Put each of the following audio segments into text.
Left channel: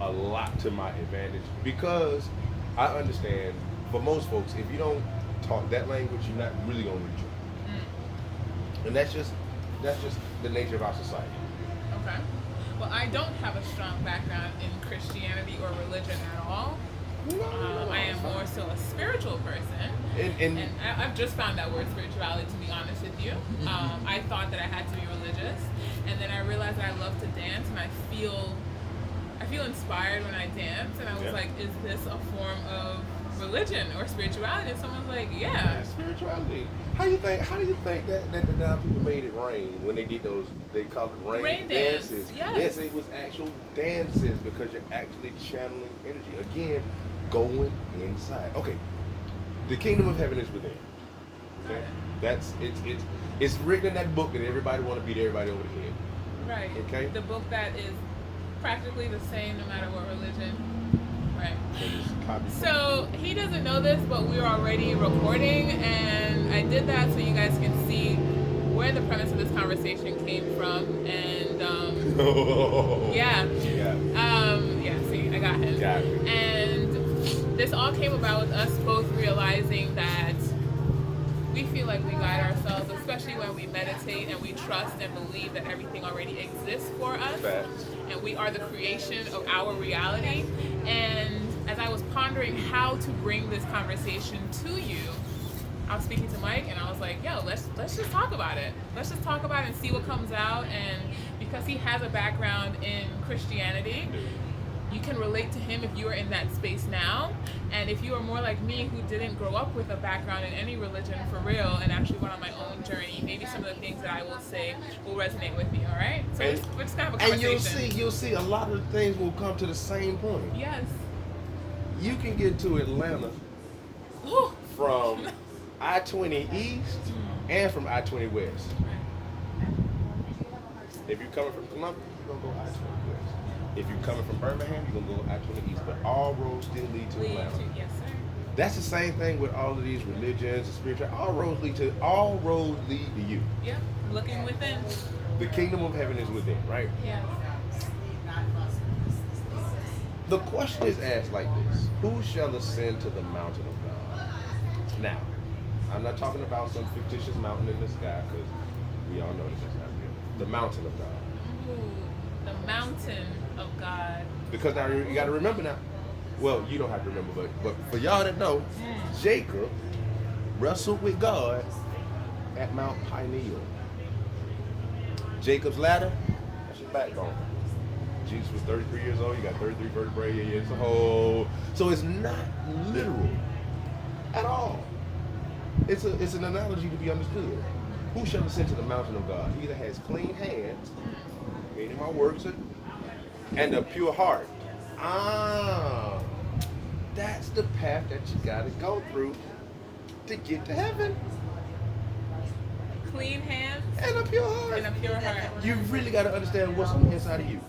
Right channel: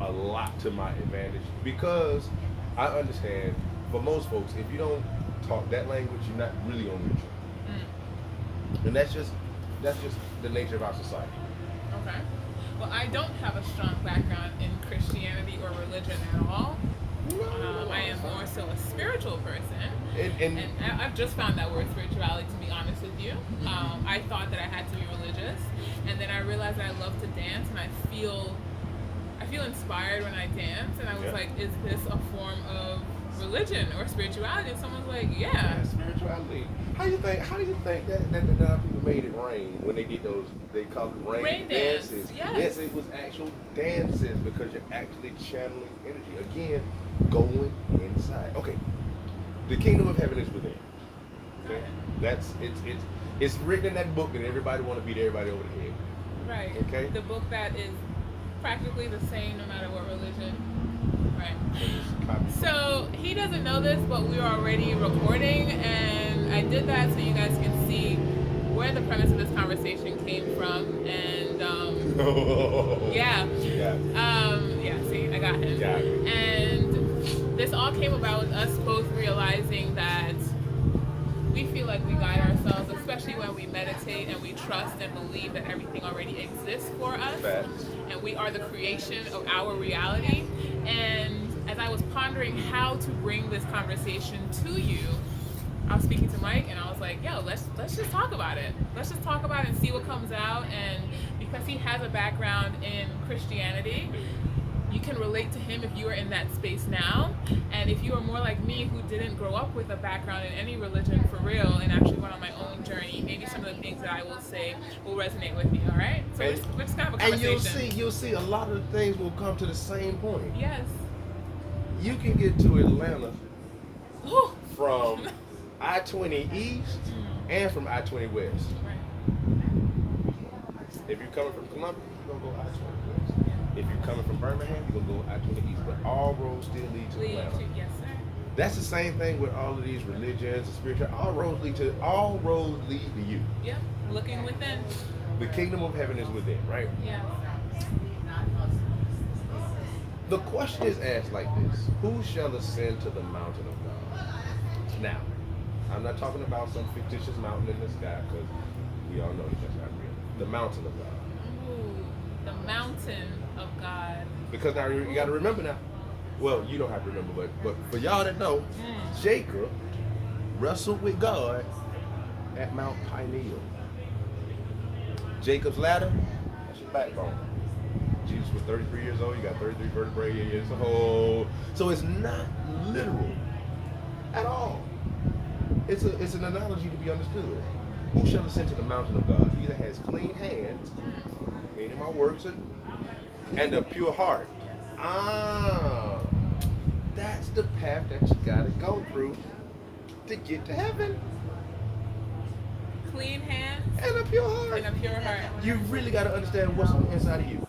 a lot to my advantage because I understand for most folks, if you don't talk that language, you're not really gonna reach it, and that's just the nature of our society. Okay. Well, I don't have a strong background in Christianity or religion at all. No, no, no, I it's am more fine. so a spiritual person. And And I've just found that word spirituality, to be honest with you. I thought that I had to be religious. And then I realized that I love to dance and I feel inspired when I dance. And I was yeah. like, is this a form of religion or spirituality? And someone was like, yeah. Yeah, spirituality. How do you think that now people made it rain when they did those, they called it rain Rain dance. dances. Yes. Yes, it was actual dances because you're actually channeling energy. Again, going inside. Okay. The kingdom of heaven is within. Got Okay? it. It's written in that book that everybody wanna beat everybody over the head. Right. Okay? The book that is practically the same no matter what religion. Right. And it's copied from the So he doesn't know this, but we're already recording, and I did that so you guys can see where the premise of this conversation came from. And yeah, yeah. yeah. See, I got him. Got it. And this all came about with us both realizing that we feel like we guide ourselves, especially when we meditate and we trust and believe that everything already exists for us Facts. and we are the creation of our reality. And as I was pondering how to bring this conversation to you, I was speaking to Mike and I was like, yo, let's just talk about it. Let's just talk about it and see what comes out. And because he has a background in Christianity, you can relate to him if you are in that space now. And if you are more like me who didn't grow up with a background in any religion for real and actually went on my own journey, maybe some of the things that I will say will resonate with you, all right? So we're just gonna have a And conversation. you'll see a lot of things will come to the same point. Yes. You can get to Atlanta Ooh. from I-20 East and from I-20 West. Right. If you're coming from Columbia, you're gonna go I-20 West. If you're coming from Birmingham, you're gonna go I-20 East. But all roads still lead to Lead Atlanta. to, yes, sir. That's the same thing with all of these religions and spiritual. All roads lead to you. Yep. Looking within. The kingdom of heaven is within, right? Yeah. The question is asked like this: who shall ascend to the mountain of God? Now, I'm not talking about some fictitious mountain in the sky, because we all know that's not real. The mountain of God. Ooh, the mountain of God. Because now you got to remember now. Well, you don't have to remember, but for y'all that know, Jacob wrestled with God at Mount Peniel. Jacob's ladder, that's your backbone. Jesus was 33 years old. You got 33 vertebrae. Yeah, it's a whole. So it's not literal at all. It's an analogy to be understood. Who shall ascend to the mountain of God? He that has clean hands, meaning my works, and a pure heart. Ah, that's the path that you gotta go through to get to heaven. Clean hands And a pure heart. and a pure heart. You really gotta understand what's on the inside of you.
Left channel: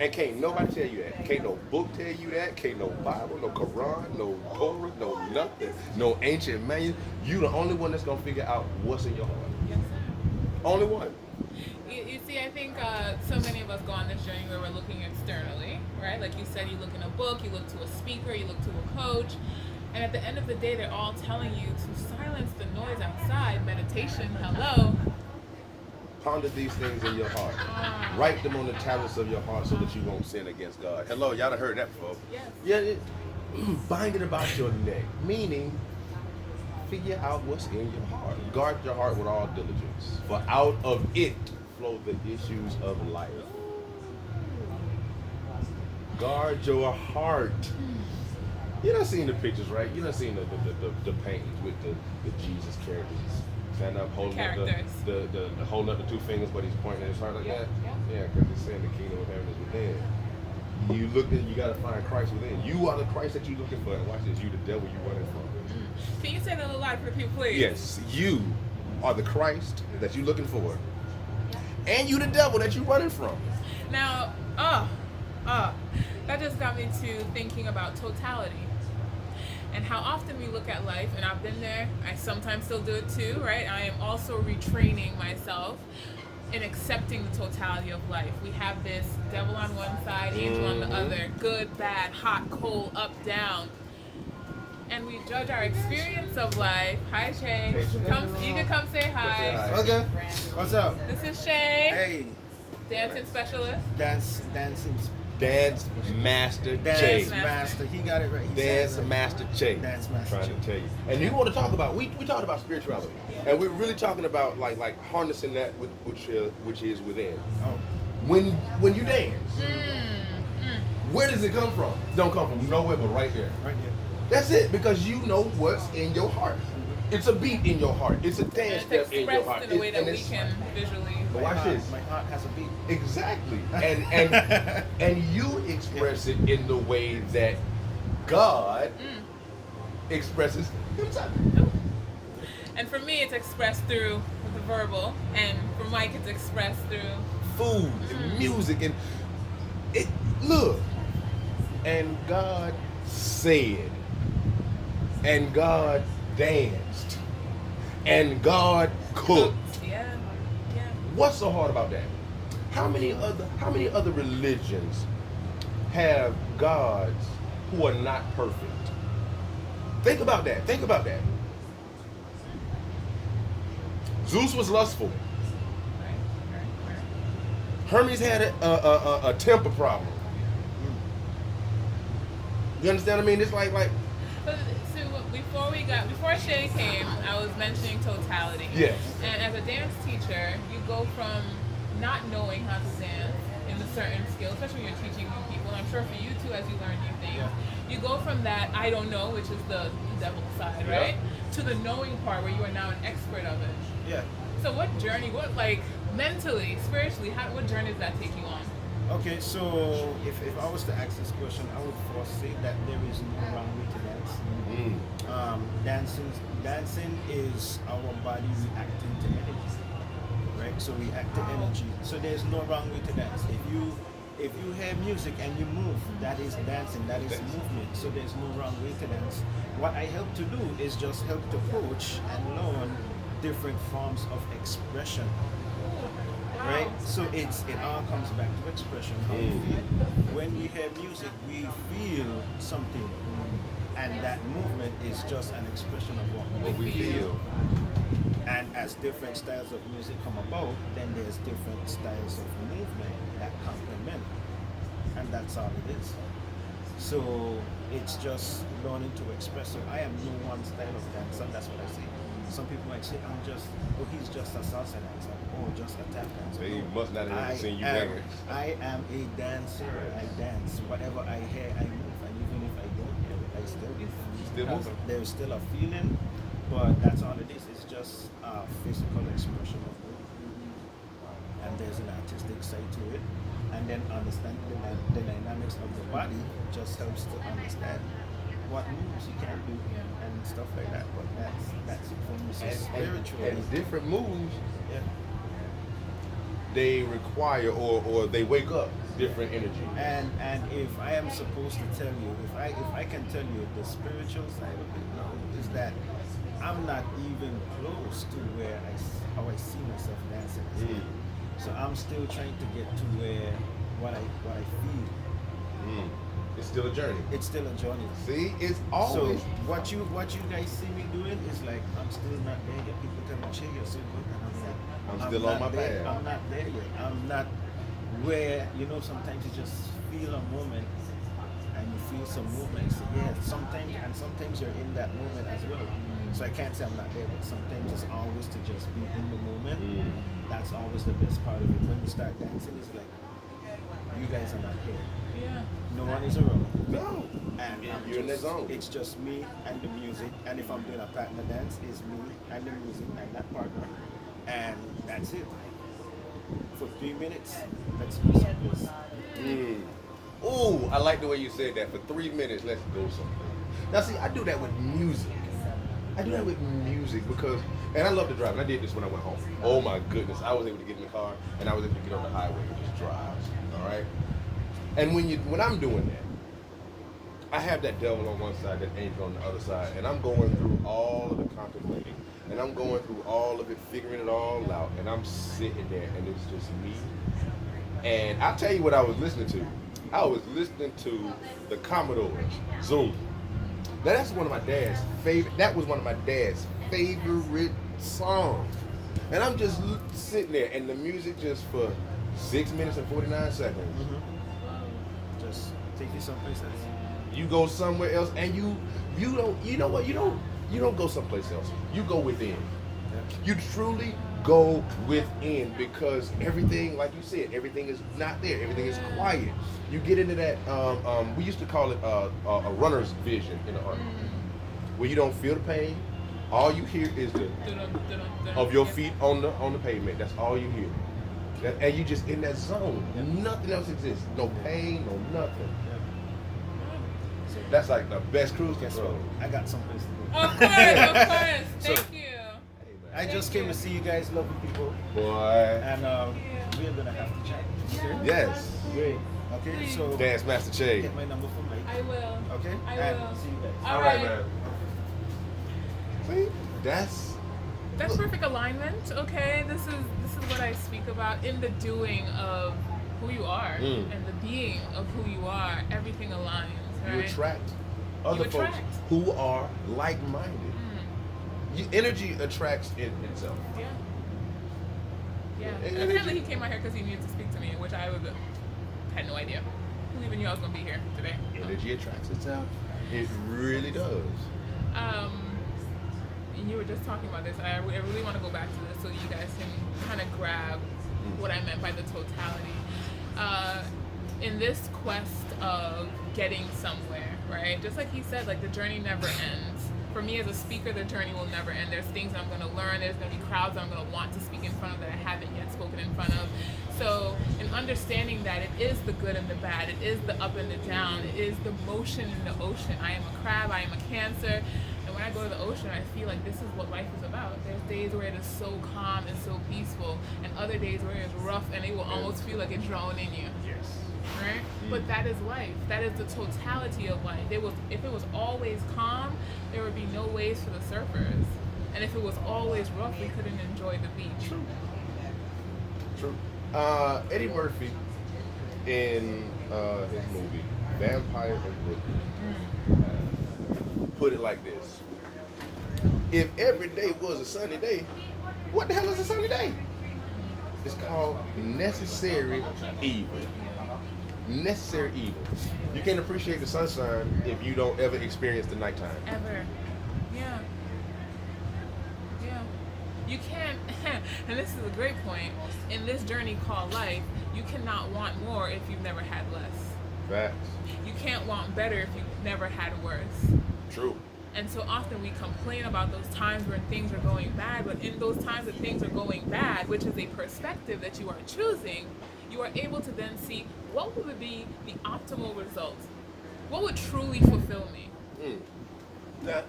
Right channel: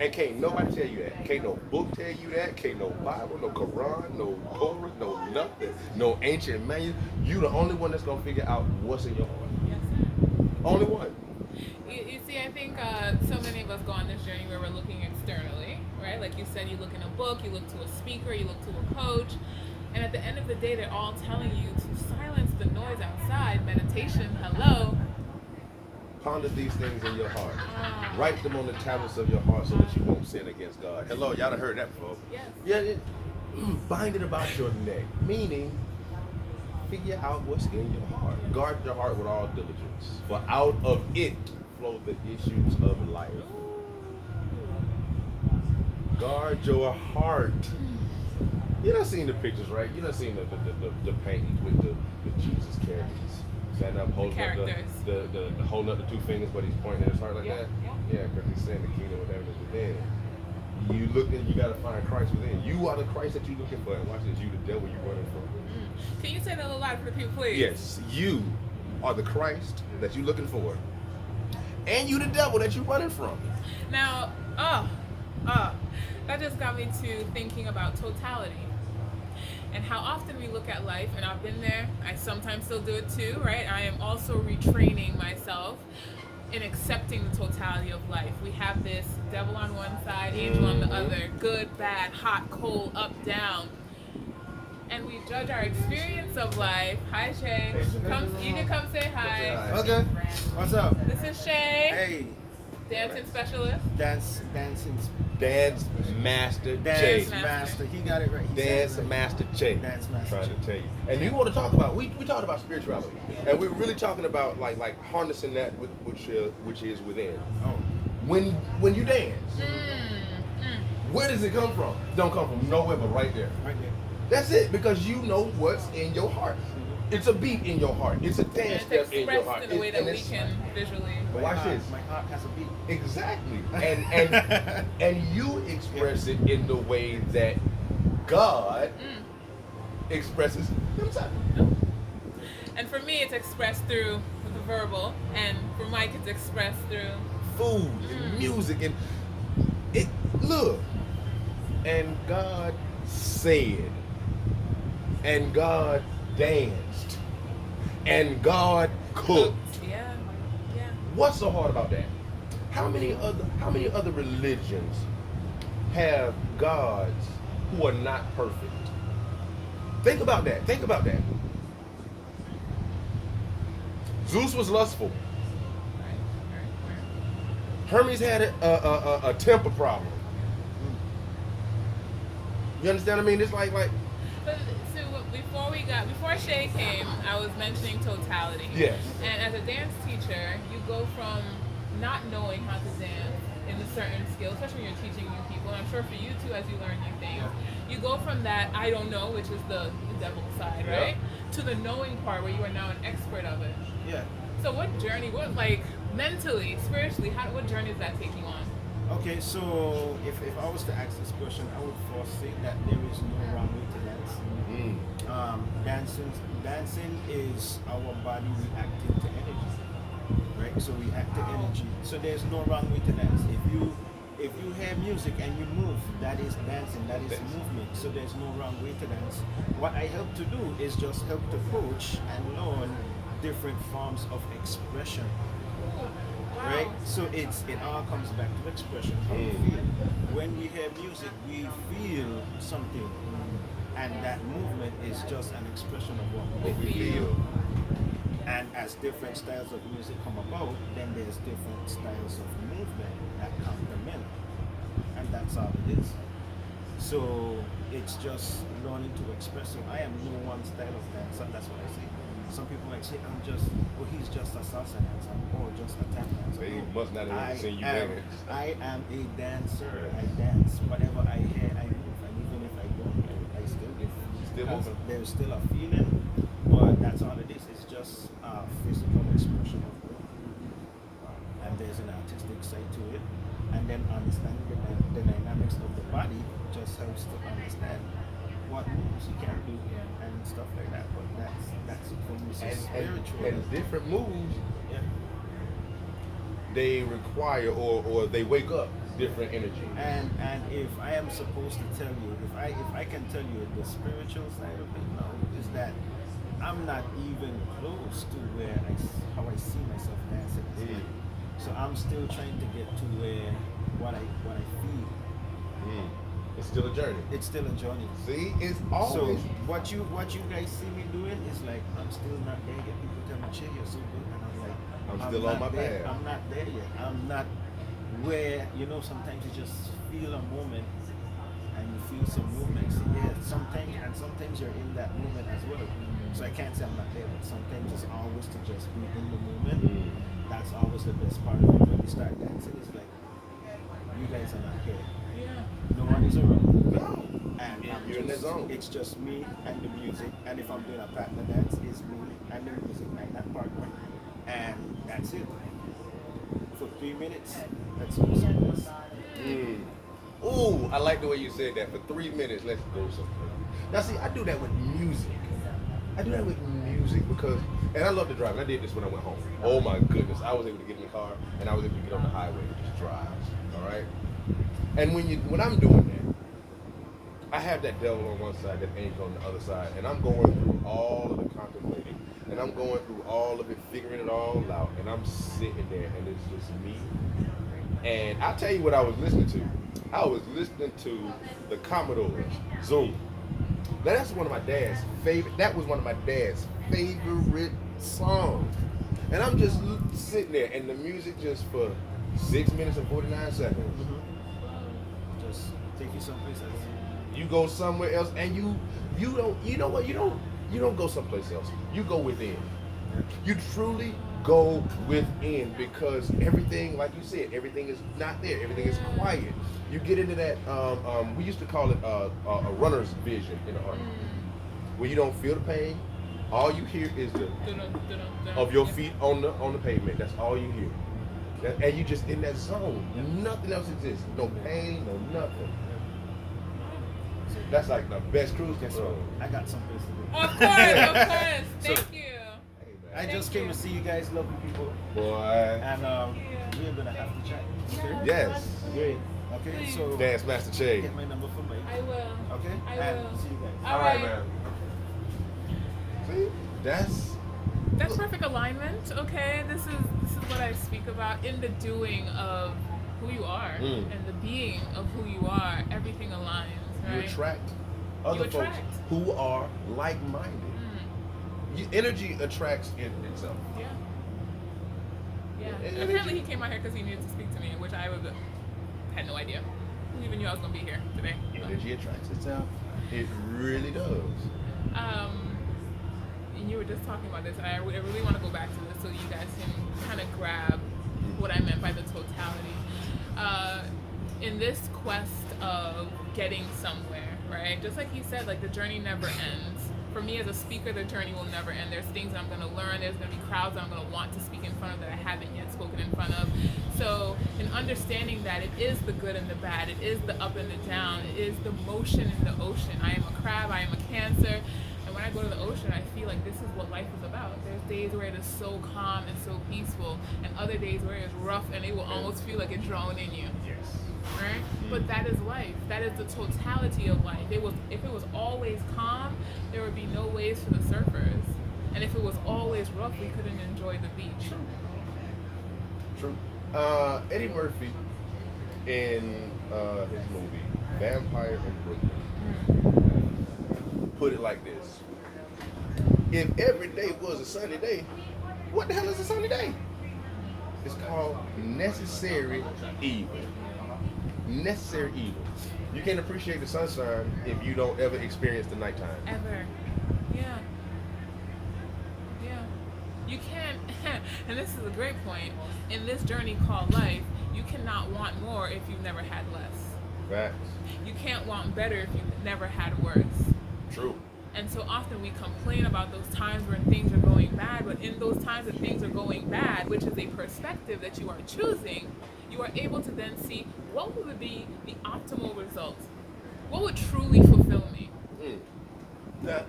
And can't nobody tell you that. Can't no book tell you that. Can't no Bible, no Quran, no Torah, no nothing, no ancient manual. You the only one that's gonna figure out what's in your heart. Yes, sir. Only one. You see, I think so many of us go on this journey where we're looking externally, right? Like you said, you look in a book, you look to a speaker, you look to a coach, and at the end of the day, they're all telling you to silence the noise outside. Meditation, hello. Ponder these things in your heart. Write them on the tablets of your heart so that you won't sin against God. Hello, y'all done heard that before. Yes. Yeah, bind it about your neck. Meaning, figure out what's in your heart. Guard your heart with all diligence. For out of it flow the issues of life. Guard your heart. You done seen the pictures, right? You done seen the paintings with the Jesus characters. Standing up, holding up the holding up the two fingers, but he's pointing at his heart like that. Yeah, because he's saying the kingdom of heaven is within. You look at, you gotta find Christ within. You are the Christ that you're looking for, and watch this. You the devil you running from. Can you say that a little louder for people, please? Yes, you are the Christ that you're looking for, and you the devil that you're running from. Now, that just got me to thinking about totality. And how often we look at life, and I've been there, I sometimes still do it too, right? I am also retraining myself in accepting the totality of life. We have this devil on one side, angel on the other, good, bad, hot, cold, up, down. And we judge our experience of life. Hi, Shay. You can come say hi. Okay. What's up? This is Shay, Hey. dancing specialist. Dancing. Dance Master Dance Che. master. He got it right. He Dance said it right. Master Che. Dance Master Trying Che. to tell you. And you want to talk about, we talked about spirituality. And we're really talking about like harnessing that which is within. Oh. When you dance, where does it come from? It don't come from nowhere but right there. Right there. That's it, because you know what's in your heart. It's a beat in your heart. It's a And dance it's step in your expressed heart. in a way that And we it's- can visually. But watch this. My heart has a beat. Exactly. And you express it in the way that God expresses himself. And for me, it's expressed through the verbal, and for Mike, it's expressed through. Food and music and it look. And God said, and God danced, and God cooked. Yeah. What's so hard about that? How many other religions have gods who are not perfect? Think about that. Zeus was lustful. Right. Hermes had a temper problem. You understand what I mean? It's like But so before Shay came, I was mentioning totality. yes. And as a dance teacher, you go from not knowing how to dance in a certain skill, especially when you're teaching new people. And I'm sure for you too, as you learn new things, you go from that I don't know, which is the devil side, right, to the knowing part where you are now an expert of it. Yeah. So what journey? What mentally, spiritually? What journey does that take you on? Okay, so if I was to ask this question, I would first say that there is no wrong way to dance. Dancing is our body reacting to energy, right? So we act to energy. So there's no wrong way to dance. If you hear music and you move, that is dancing, that is movement. So there's no wrong way to dance. What I help to do is just help to coach and learn different forms of expression. Right? So it all comes back to expression, how we feel. When we hear music, we feel something. And that movement is just an expression of what we feel. And as different styles of music come about, then there's different styles of movement that complement. And that's all it is. So it's just learning to express. So I am no one style of dance, and that's what I say. Some people might say, he's just a salsa dancer, or just a tap dancer. They must not have ever seen you dance. I am a dancer. I dance. Whatever I hear, I move. And even if I don't hear it, I still move. There's still a feeling, but that's all it is. It's just a physical expression of it. And there's an artistic side to it. And then understanding the dynamics of the body just helps to understand what moves you can do and stuff like that. But that's it for me. So spiritual. And different moves, Yeah. they require or they wake up different energy. And if I am supposed to tell you, if I can tell you the spiritual side of it, no, is that I'm not even close to how I see myself dancing. So I'm still trying to get to where what I feel. It's still a journey. It's still a journey. See, it's always. So what you guys see me doing is like I'm still not there yet. People tell me, "Che, you're so good," and I'm like, I'm still on my there. path. I'm not there yet. I'm not where sometimes you just feel a moment and you feel some movement. So yeah, sometimes you're in that moment as well. So I can't say I'm not there, but sometimes it's always to just be in the moment. That's always the best part of it. When you start dancing, it's like you guys are not here. Yeah. No one is around. No. And You're in the zone. it's just me and the music. And if I'm doing a partner dance, it's me and the music and that partner. And that's it. For 3 minutes, let's do something. Ooh, I like the way you said that. For 3 minutes, let's go somewhere. Now, see, I do that with music. Because, and I love to drive. And I did this when I went home. Oh my goodness, I was able to get in the car and I was able to get on the highway and just drive. All right. And when I'm doing that, I have that devil on one side, that angel on the other side, and I'm going through all of the contemplating, and I'm going through all of it, figuring it all out, and I'm sitting there, and it's just me. And I'll tell you what I was listening to. I was listening to the Commodores, Zoom. Now that's one of my dad's favorite. That was one of my dad's favorite songs. And I'm just sitting there, and the music just for 6 minutes and 49 seconds. Just take you someplace else. You go somewhere else, and you don't. You know what? You don't go someplace else. You go within. You truly go within, because everything, like you said, everything is not there. Everything is quiet. You get into that. We used to call it a runner's vision in the army, where you don't feel the pain. All you hear is the of your feet on the pavement. That's all you hear, and you just in that zone. Nothing else exists. No pain, no nothing. That's like the best cruise control. I got someplace to go. Of course. Thank you. I just came to see you guys, lovely people, Boy. and we're gonna have to chat. Okay? Yes. Great. Okay, so Dance Master Che. get my number from Mike. I will. Okay? I and will. see you guys. All All right, right. man. See, that's Perfect alignment. Okay, this is what I speak about in the doing of who you are and the being of who you are. Everything aligns. Right? you attract other folks attract. who are like-minded. Energy attracts in itself. Yeah. Yeah. And And apparently he came out here because he needed to speak to me, which I had no idea. Who even knew I was gonna be here today? Energy attracts itself. It really does. You were just talking about this. I really want to go back to this so you guys can kind of grab what I meant by the totality. In this quest of getting somewhere, right? Just like he said, like the journey never ends. For me as a speaker, the journey will never end. There's things that I'm going to learn. There's going to be crowds that I'm going to want to speak in front of that I haven't yet spoken in front of. So in understanding that it is the good and the bad, it is the up and the down, it is the motion in the ocean. I am a crab, I am a Cancer. And when I go to the ocean, I feel like this is what life is about. There's days where it is so calm and so peaceful, and other days where it's rough and it will almost feel like it's drowning in you. Yes. Right? But that is life. That is the totality of life. If it was always calm, there would be no waves for the surfers. And if it was always rough, we couldn't enjoy the beach. True. Eddie Murphy in his movie Vampire in Brooklyn put it like this: if every day was a sunny day, what the hell is a sunny day? It's called necessary evil. Necessary evil. You can't appreciate the sunshine if you don't ever experience the nighttime. Ever. Yeah. Yeah. You can't, and this is a great point, in this journey called life, you cannot want more if you've never had less. Facts. You can't want better if you've never had worse. True. And so often we complain about those times when things are going bad, but in those times that things are going bad, which is a perspective that you are choosing, you are able to then see what would be the optimal result. What would truly fulfill me? Now,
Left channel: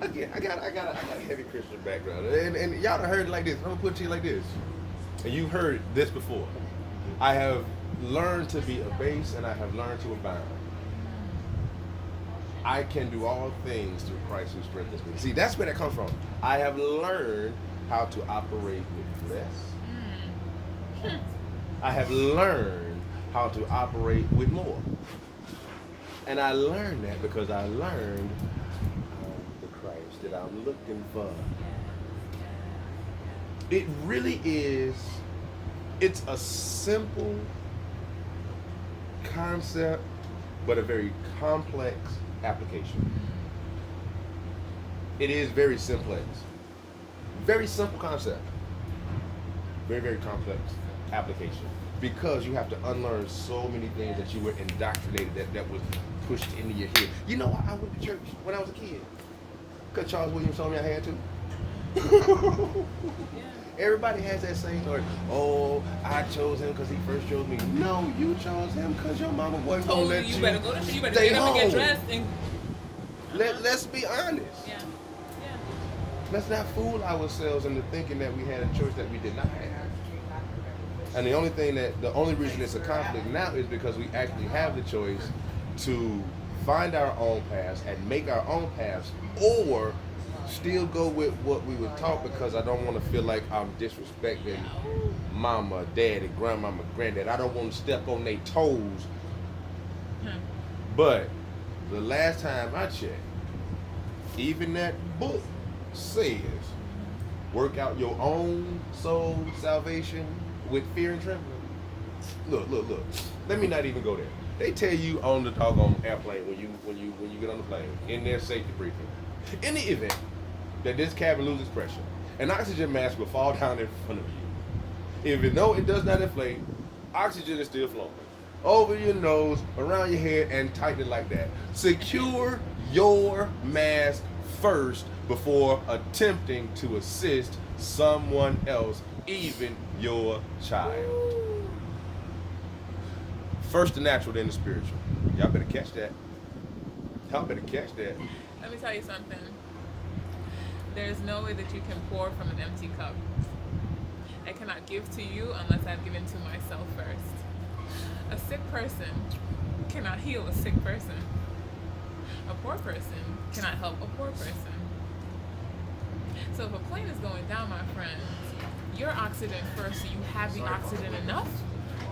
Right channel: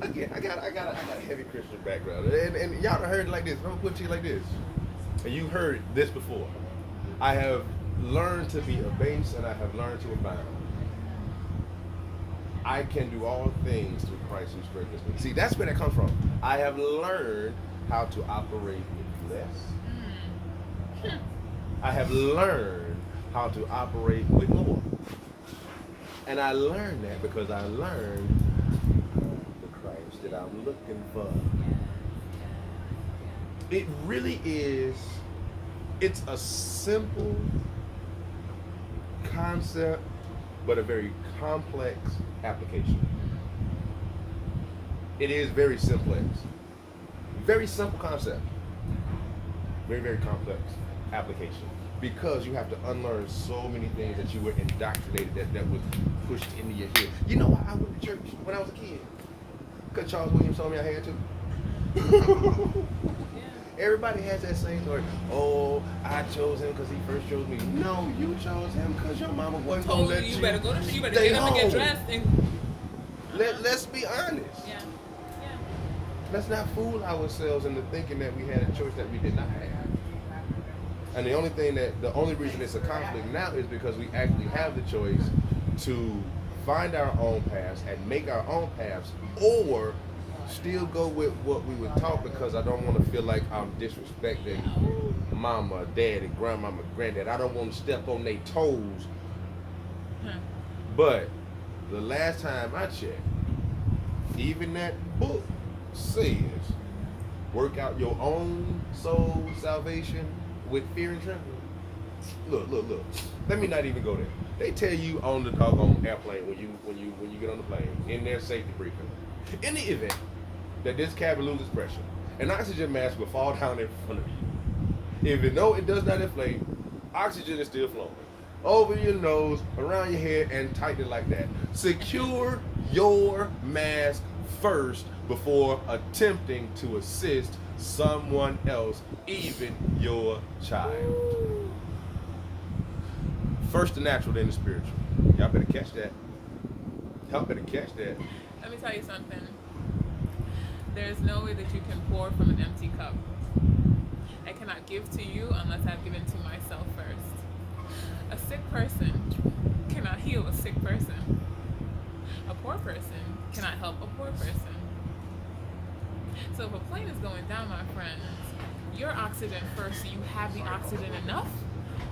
again, I got a heavy Christian background, and y'all done heard it like this. I'm gonna put it to you like this, and you've heard this before. I have learned to be abased, and I have learned to abound. I can do all things through Christ who strengthens me. See, that's where that comes from. I have learned how to operate with less. I have learned how to operate with more. And I learned that because I learned the Christ that I'm looking for. It really is, it's a simple concept, but a very complex application. It is very simplex. Very simple concept. Very, very complex application. Because you have to unlearn so many things that you were indoctrinated, that was pushed into your head. You know why I went to church when I was a kid? Because Charles Williams told me I had to. Everybody has that same story. Oh, I chose him because he first chose me. No, you chose him because your mama wasn't going to let you better go. You better stay get up and get home. dressed. And Let's be honest. yeah. Let's not fool ourselves into thinking that we had a choice that we did not have. And the only reason it's a conflict now is because we actually have the choice to find our own paths and make our own paths, or still go with what we were taught, because I don't want to feel like I'm disrespecting mama, daddy, grandmama, granddad. I don't want to step on their toes. But the last time I checked, even that book says, work out your own soul salvation with fear and trembling. Look. Let me not even go there. They tell you on the doggone airplane when you get on the plane, in their safety briefing, in the event that this cabin loses pressure, an oxygen mask will fall down in front of you. Even though it does not inflate, oxygen is still flowing over your nose, around your head, and tighten it like that. Secure your mask first before attempting to assist someone else, even your child. First the natural, then the spiritual. Y'all better catch that. Y'all better catch that. Let me tell you something. There's no way that you can pour from an empty cup. I cannot give to you unless I've given to myself first. A sick person cannot heal a sick person. A poor person cannot help a poor person. So if a plane is going down, my friends, your oxygen first, so you have the oxygen enough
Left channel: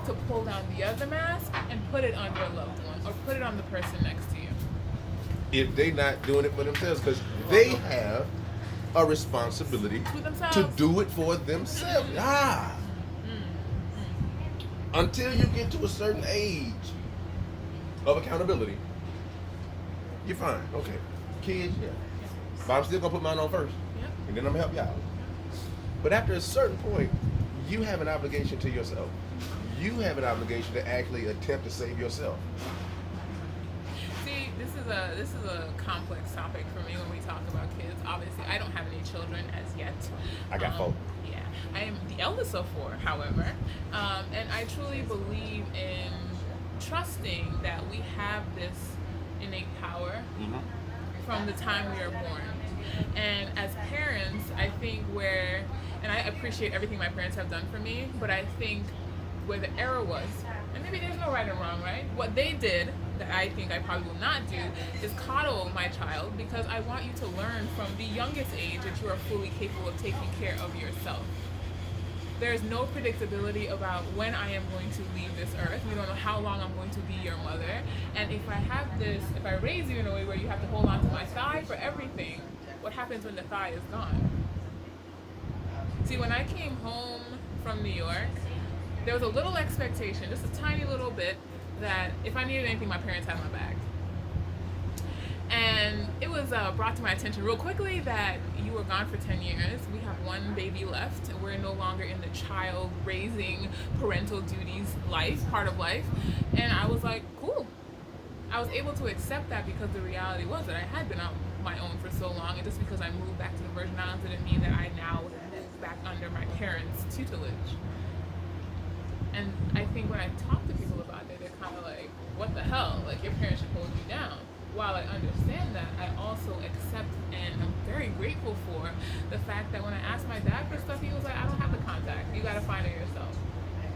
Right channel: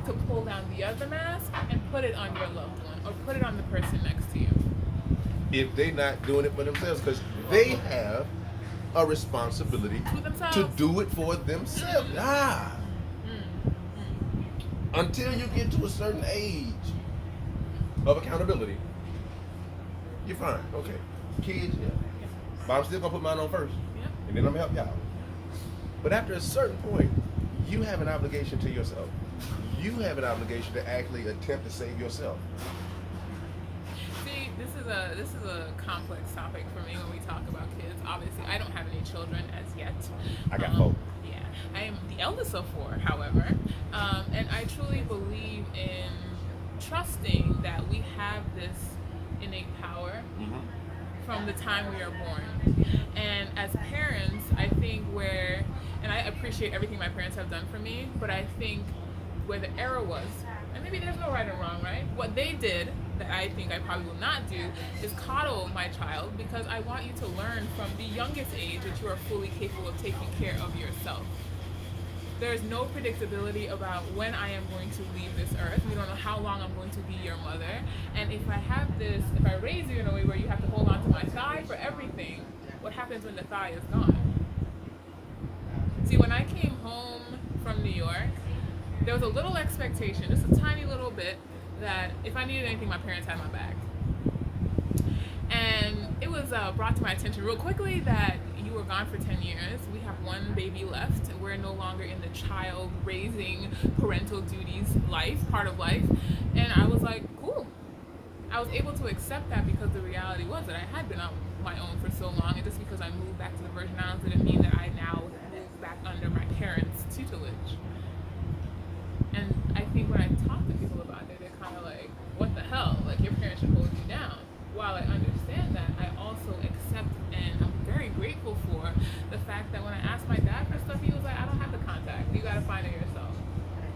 to pull down the other mask and put it on your loved one, or put it on the person next to you. If they're not doing it for themselves, because they have a responsibility to do it for themselves. Until you get to a certain age of accountability, you're fine. Okay. Kids, yeah. But I'm still gonna put mine on first. Yep. And then I'm gonna help y'all. But after a certain point, you have an obligation to yourself. You have an obligation to actually attempt to save yourself. See, this is a complex topic for me when we talk about kids. Obviously, I don't have any children as yet. I got 4. Yeah, I am the eldest of 4, however, and I truly believe in trusting that we have this innate power from the time we are born. And as parents, I think and I appreciate everything my parents have done for me, but I think where the error was, and maybe there's no right or wrong, right? What they did that I think I probably will not do is coddle my child, because I want you to learn from the youngest age that you are fully capable of taking care of yourself. There is no predictability about when I am going to leave this earth. We don't know how long I'm going to be your mother. And if I raise you in a way where you have to hold on to my thigh for everything, what happens when the thigh is gone? See, when I came home from New York, there was a little expectation, just a tiny little bit, that if I needed anything, my parents had my back. And it was brought to my attention real quickly that you were gone for 10 years. We have one baby left. We're no longer in the child raising parental duties part of life. And I was like, cool. I was able to accept that because the reality was that I had been on my own for so long. And just because I moved back to the Virgin Islands didn't mean that I now moved back under my parents' tutelage. And I think when I talk to people about it, they're kind of like, what the hell? Like, your parents should hold you down. While I understand that, I also accept and I'm very grateful for the fact that when I asked my dad for stuff, he was like, I don't have the contact. You got to find it yourself.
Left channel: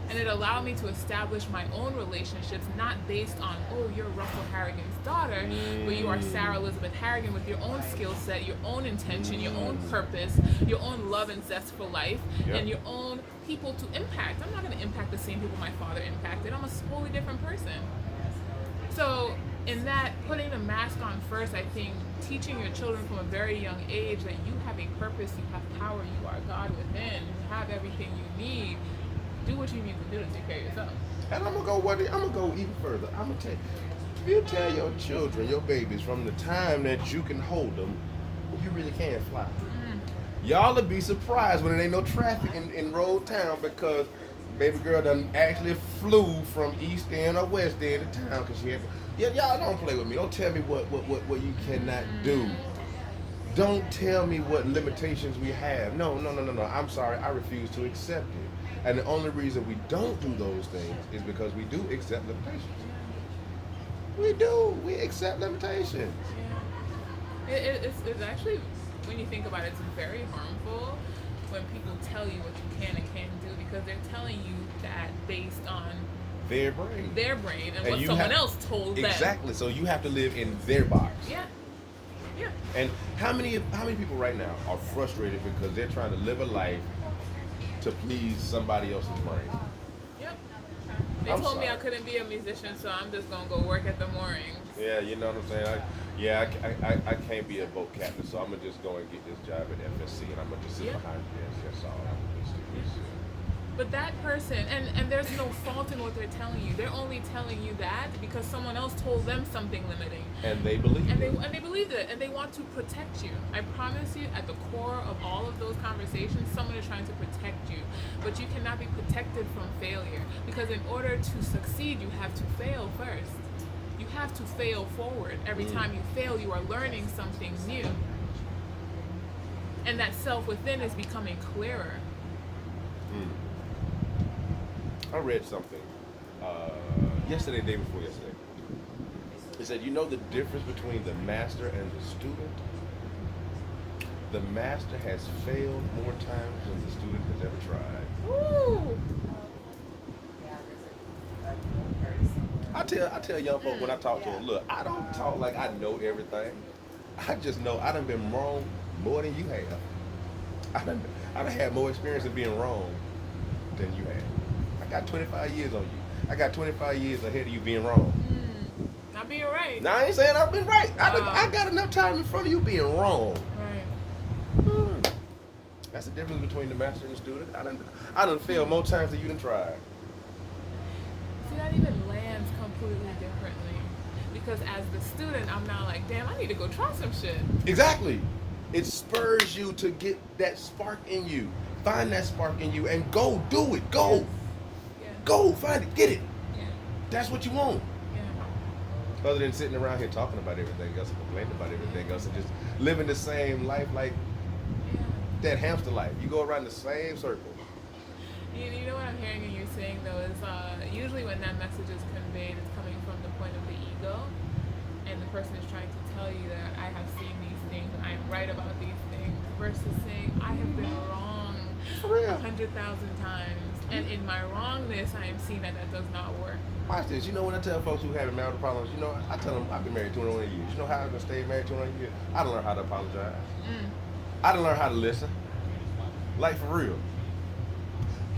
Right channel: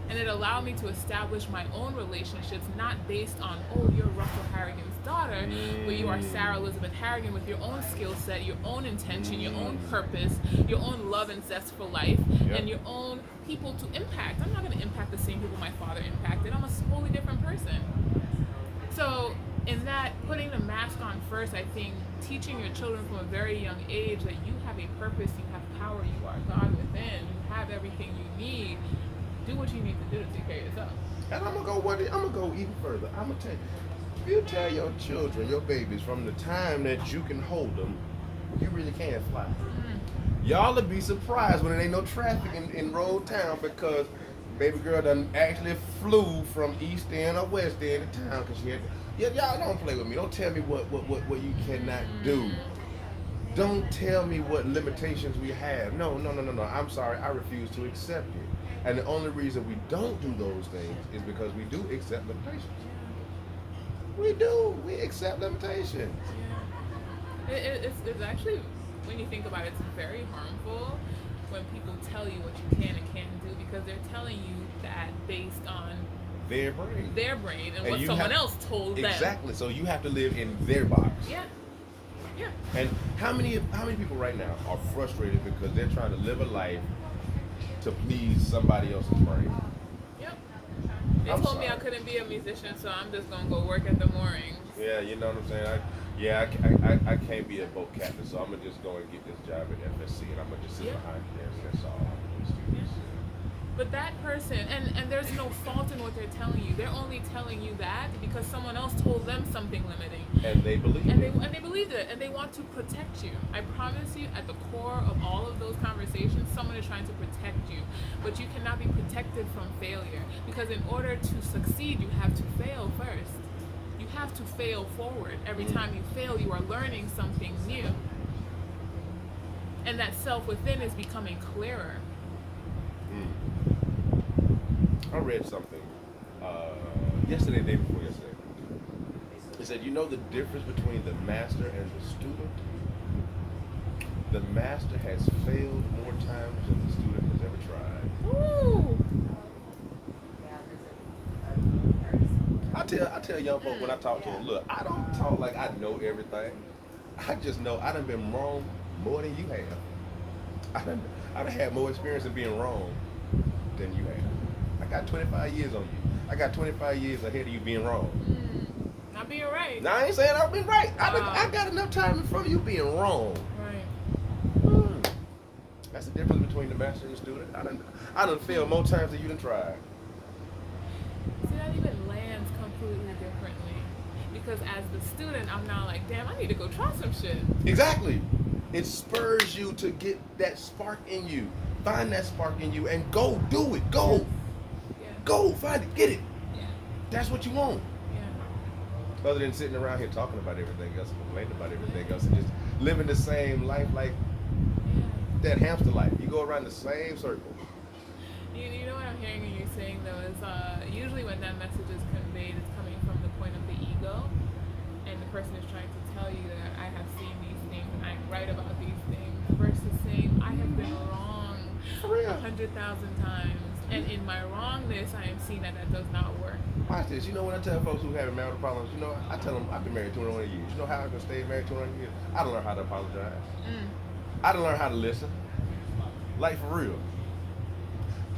And it allowed me to establish my own relationships, not based on, oh, you're Russell Harrigan's daughter, but you are Sarah Elizabeth Harrigan with your own skill set, your own intention, your own purpose, your own love and zest for life, and your own people to impact. I'm not going to impact the same people my father impacted. I'm a wholly different person. So in that, putting the mask on first, I think teaching your children from a very young age that you have a purpose, you have power, you are God within, you have everything you need. Do what you need to do to take care of yourself. And I'm gonna go even further. I'm gonna tell you, if you tell your children, your babies, from the time that you can hold them, you really can fly. Y'all will be surprised when there ain't no traffic in Road Town, because baby girl done actually flew from East End or West End to town because she had. Yeah, y'all don't play with me. Don't tell me what you cannot do. Don't tell me what limitations we have. No. I'm sorry. I refuse to accept it. And the only reason we don't do those things is because we do accept limitations. We do. We accept limitations. Yeah. It's actually, when you think about it, it's very harmful when people tell you what you can and can't do, because they're telling you that based on their brain. Their brain and And what you someone have- else told them. Exactly. So you have to live in their box. Yeah. Yeah. And how many people right now are frustrated because they're trying to live a life to please somebody else's brain? Yep. They I'm told me I sorry. couldn't be a musician, so I'm just gonna go work at the moorings. Yeah, you know what I'm saying. I can't be a boat captain, so I'm gonna just go and get this job at FSC, and I'm gonna just sit Yeah. behind the desk. That's all. Yeah. But that person, and there's no fault in what they're telling you. They're only telling you that because someone else told them something limiting. And they believe And it. they believed it, and they want to protect you. I promise you, at the core of all of those conversations, someone is trying to protect you. But you cannot be protected from failure, because in order to succeed, you have to fail first. You have to fail forward. Every time you fail, you are learning something new. And that self within is becoming clearer. I read something yesterday, day before yesterday. It said, you know the difference between the master and the student? The master has failed more times than the student has ever tried. Ooh. I tell young folks when I talk to them, look, I don't talk like I know everything. I just know I done been wrong more than you have. I done had more experience of being wrong than you have. I got 25 years on you. I got 25 years ahead of you being wrong. Not being right. Now I ain't saying I've been right. I got enough time in front of you being wrong. Right. That's the difference between the master and the student. I done failed more times than you done tried. See, that even lands completely differently. Because as the student, I'm now like, damn, I need to go try some shit. Exactly. It spurs you to get that spark in you. Find that spark in you and go do it. Go. Yeah. Go. Find it. Get it. Yeah. That's what you want. Yeah. Other than sitting around here talking about everything else and complaining about everything else and just living the same life like Yeah. that hamster life. You go around the same circle. You know what I'm hearing and you're saying though is usually when that message is conveyed, it's coming from the point of the ego, and the person is trying to tell you that I have seen these things and I'm right about these things, versus saying I have been wrong For real. 100,000 times, and in my wrongness I am seeing that that does not work. Watch this. You know when I tell folks who having marital problems, you know, I tell them I've been married 21 years. You know how I've been staying married 21 years? I done learned how to apologize. I done learned how to listen. Like for real.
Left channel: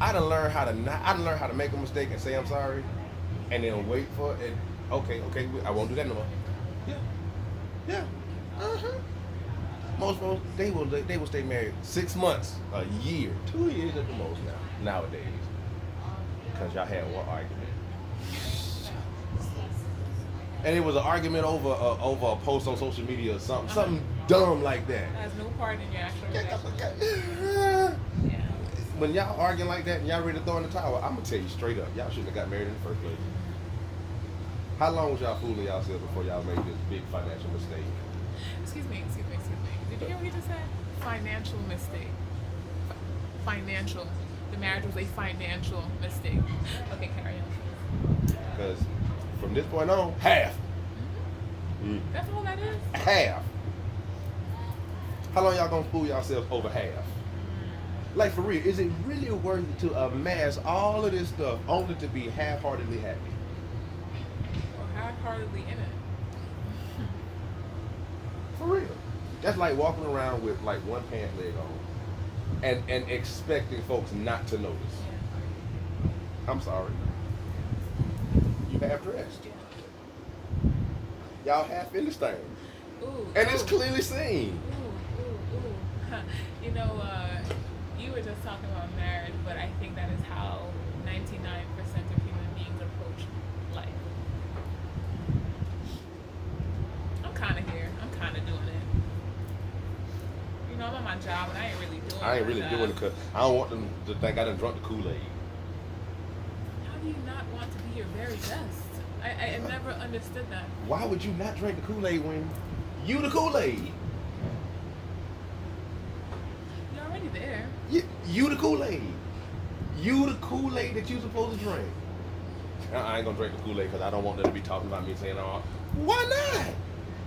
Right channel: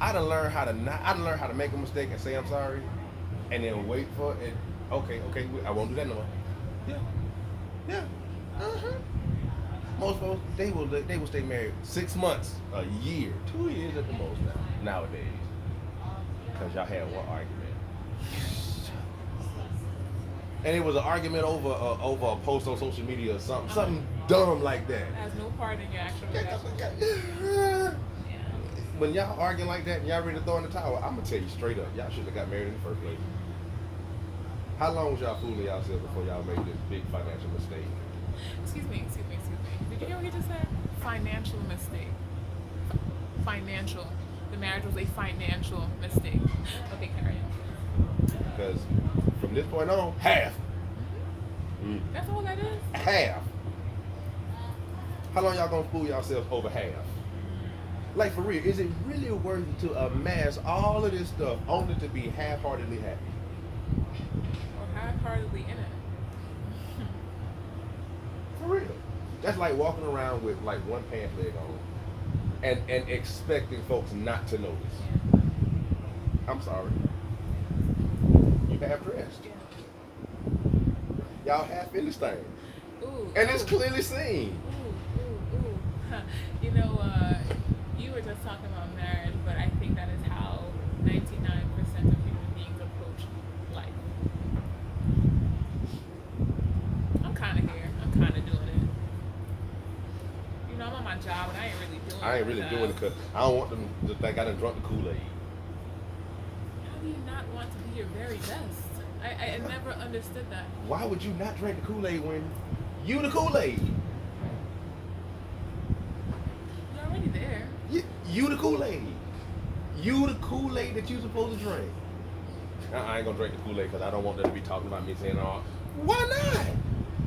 I done learned how to make a mistake and say I'm sorry, and then wait for it. Okay, I won't do that no more. Yeah. Most folks they will stay married 6 months, a year, 2 years at the most nowadays, because y'all had one argument. And it was an argument over a post on social media or something dumb like that. It has no part in your actual relationship. When y'all arguing like that and y'all ready to throw in the towel, I'm gonna tell you straight up, y'all shouldn't have got married in the first place. How long was y'all fooling yourselves before y'all made this big financial mistake? Excuse me. Did you hear what he just said? Financial mistake. Financial. The marriage was a financial mistake. Okay, carry on. Because from this point on, half. That's all that is? Half. How long y'all gonna fool yourselves over half? Like for real, is it really worth it to amass all of this stuff only to be half-heartedly happy? Or half-heartedly in it. For real. That's like walking around with like one pant leg on and expecting folks not to notice. Yeah. I'm sorry. You half dressed. Y'all half in this thing. Ooh. And it's ooh. clearly seen. Ooh. You know, you were just talking about marriage, but I think that is how 99% of human beings approach life. I'm kind of here. I'm kind of doing it. You know, I'm on my job, and I ain't really doing it. I ain't really doing it because I don't want them to think I done drunk the Kool-Aid. How do you not want to be your very best? I never understood that. Why would you not drink the Kool-Aid when you the Kool-Aid? You're already there. You the Kool-Aid. You the Kool-Aid that you supposed to drink. I ain't gonna drink the Kool-Aid because I don't want them to be talking about me saying, "Oh, why not?"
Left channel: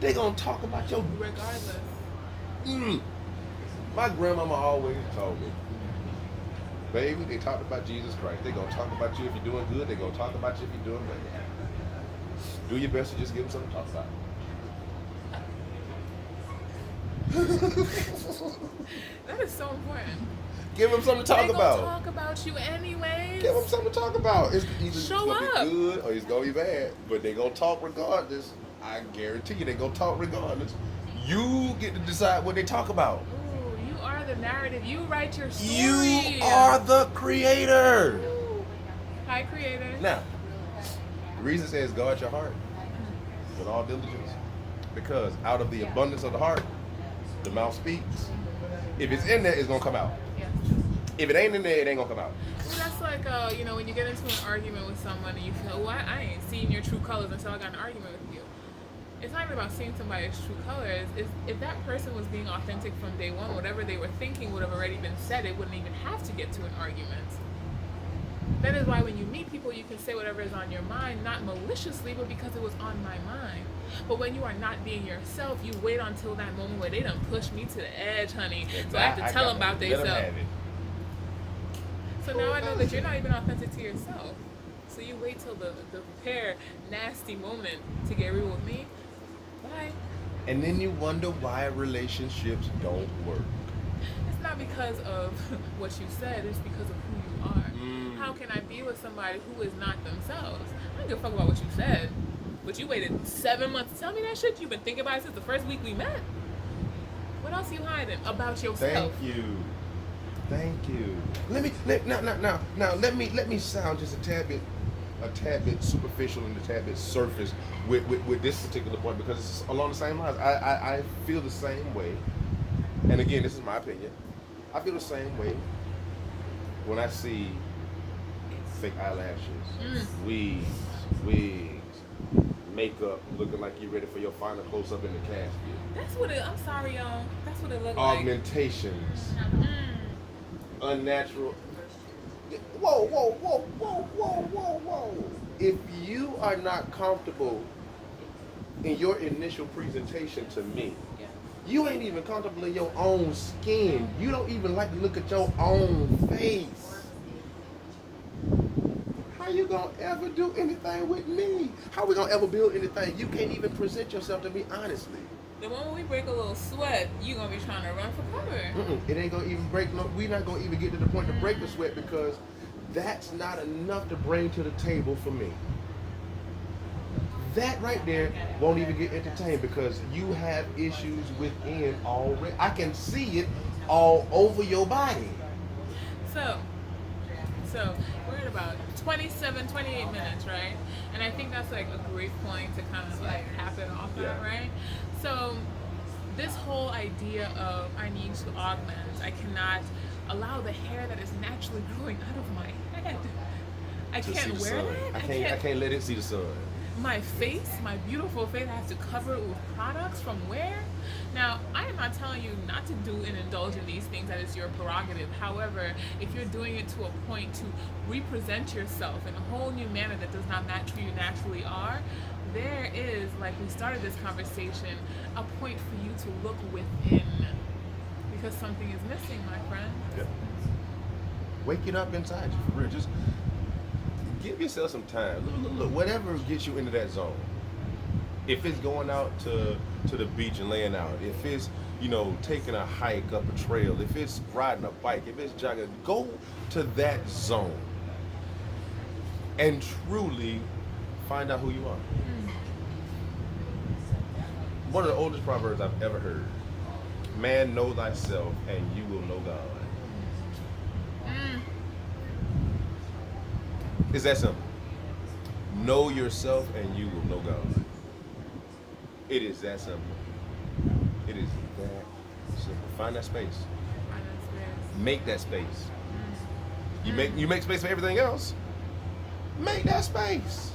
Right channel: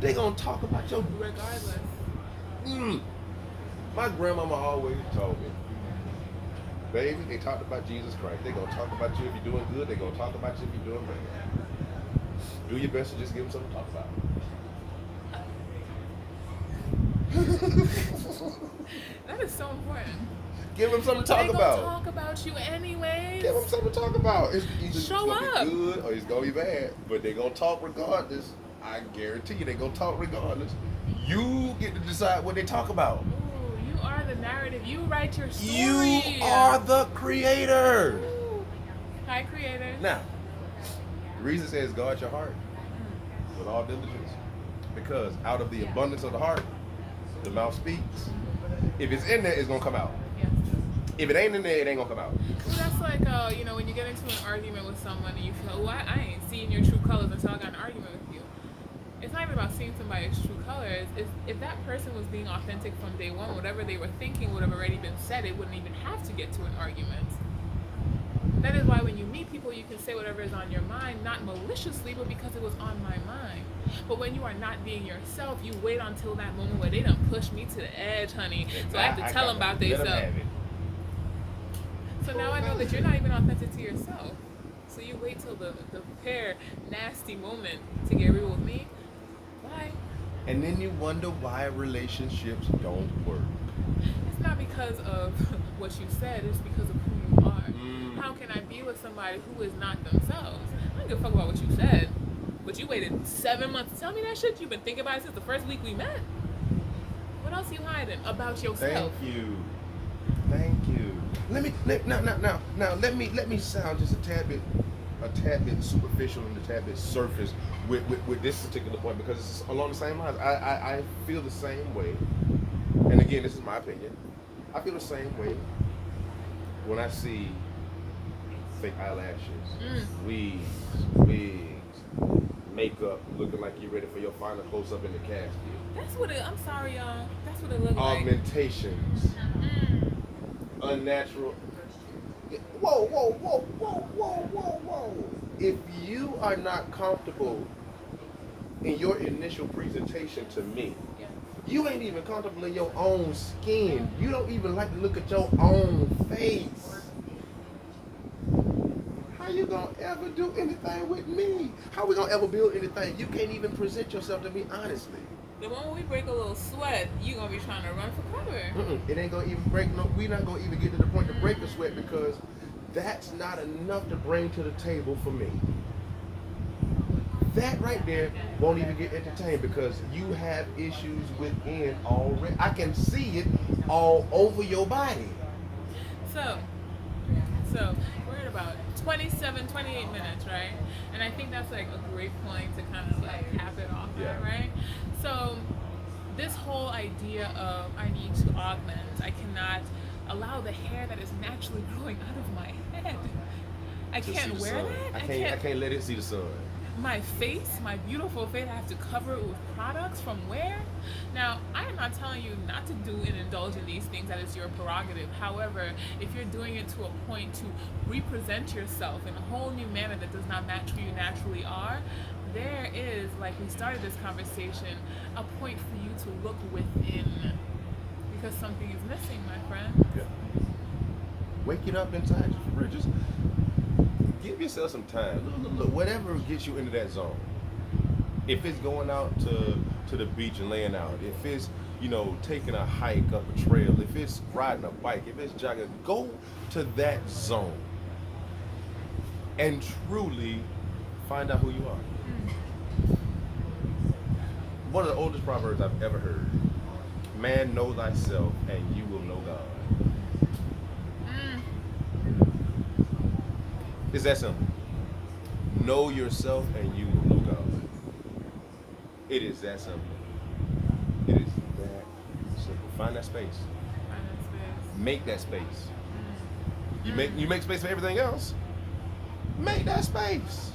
They gonna talk about your. Regardless. My grandmama always told me, Baby, they talked about Jesus Christ. They're going to talk about you if you're doing good. They're going to talk about you if you're doing bad. Do your best to just give them something to talk about. That is so important. Give them something to talk They about. gonna talk about you anyways. Give them something to talk about. It's either Show gonna up. be good or it's gonna be bad, but they gonna talk regardless. I guarantee you, they gonna talk regardless. You get to decide what they talk about. Ooh, you are the narrative. You write your story. You are the creator. Ooh. Hi, creator. Now, the reason it says guard your heart with all diligence, because out of the abundance of the heart, the mouth speaks. If it's in there, it's gonna come out. Yeah. If it ain't in there, it ain't gonna come out. Well, that's like, when you get into an argument with someone and you feel, well, I ain't seeing your true colors until I got in an argument with you. It's not even about seeing somebody's true colors. It's, if that person was being authentic from day one, whatever they were thinking would have already been said. It wouldn't even have to get to an argument. That is why when you meet people, you can say whatever is on your mind, not maliciously, but because it was on my mind. But when you are not being yourself, you wait until that moment where they done push me to the edge, honey. So I have to tell them about themselves. So now I know that you're not even authentic to yourself. So you wait till the pair nasty moment to get real with me. Bye. And then you wonder why relationships don't work. It's not because of what you said, it's because of who you are. How can I be with somebody who is not themselves? I don't give a fuck about what you said. But you waited 7 months to tell me that shit? You've been thinking about it since the first week we met? What else are you hiding about yourself? Thank you. Let me sound just a tad bit superficial and a tad bit surface with this particular point, because it's along the same lines. I feel the same way, and again, this is my opinion. I feel the same way when I see fake eyelashes, wigs, makeup, looking like you're ready for your final close-up in the casket. That's what it, I'm sorry, y'all. That's what it looks like. Augmentations. Unnatural. Whoa. If you are not comfortable in your initial presentation to me, you ain't even comfortable in your own skin. You don't even like to look at your own face. How you gonna ever do anything with me? How we gonna ever build anything? You can't even present yourself to me honestly. The moment we break a little sweat, you gonna be trying to run for cover. It ain't gonna even break. No, we're not gonna even get to the point to break the sweat, because that's not enough to bring to the table for me. That right there won't even get entertained, because you have issues within already. I can see it all over your body. So we're at about 27, 28 minutes, right? And I think that's like a great point to kind of like cap it off at, right? So this whole idea of I need to augment, I cannot allow the hair that is naturally growing out of my head. I can't wear that. I can't let it see the sun. My face, my beautiful face, I have to cover it with products from where? Now, I am not telling you not to do and indulge in these things. That is your prerogative. However, if you're doing it to a point to represent yourself in a whole new manner that does not match who you naturally are, there is, like we started this conversation, a point for you to look within, because something is missing, my friend. Yeah. Wake it up inside you, for real. Just give yourself some time. Look, whatever gets you into that zone. If it's going out to the beach and laying out, if it's, taking a hike up a trail, if it's riding a bike, if it's jogging, go to that zone and truly find out who you are. One of the oldest proverbs I've ever heard: man, know thyself and you will know God. It's that simple. Know yourself and you will know God. It is that simple. It is that simple. Find that space. Find that space. Make that space. You make space for everything else. Make that space.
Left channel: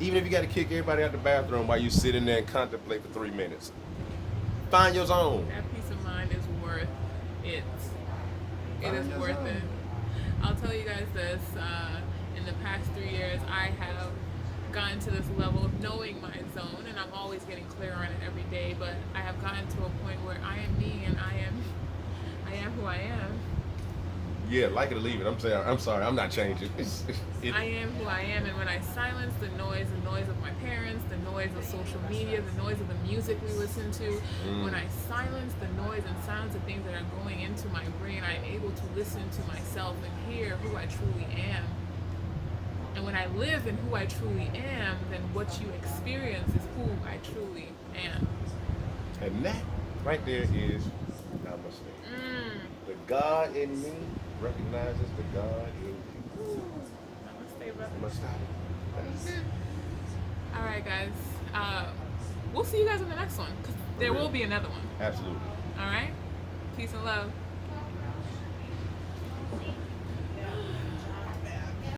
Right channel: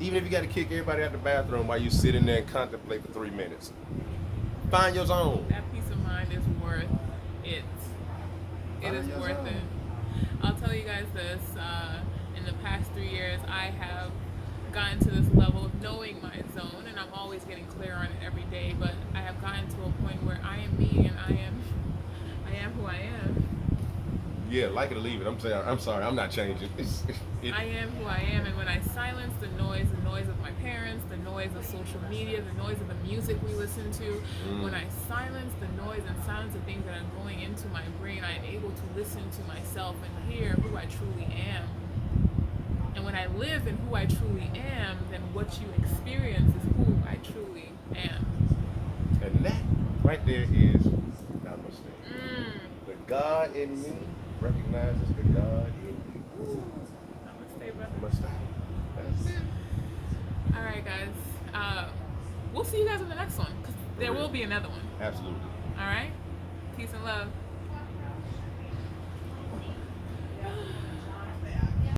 Even if you got to kick everybody out the bathroom while you sit in there and contemplate for 3 minutes. Find your zone. That peace of mind is worth it. It is worth zone. it. I'll tell you guys this, in the past 3 years, I have gotten to this level of knowing my zone, and I'm always getting clearer on it every day, but I have gotten to a point where I am me and I am who I am. Yeah, like it or leave it. I'm sorry, I'm not changing. I am who I am, and when I silence the noise of my parents, the noise of social media, the noise of the music we listen to, when I silence the noise and silence the things that are going into my brain, I'm able to listen to myself and hear who I truly am. And when I live in who I truly am, then what you experience is who I truly am. And that right there is namaste. The God in me recognizes the God in you. Namaste, brother. Namaste. That's All right, guys. We'll see you guys in the next one, because there will be another one. absolutely. All right? Peace and love.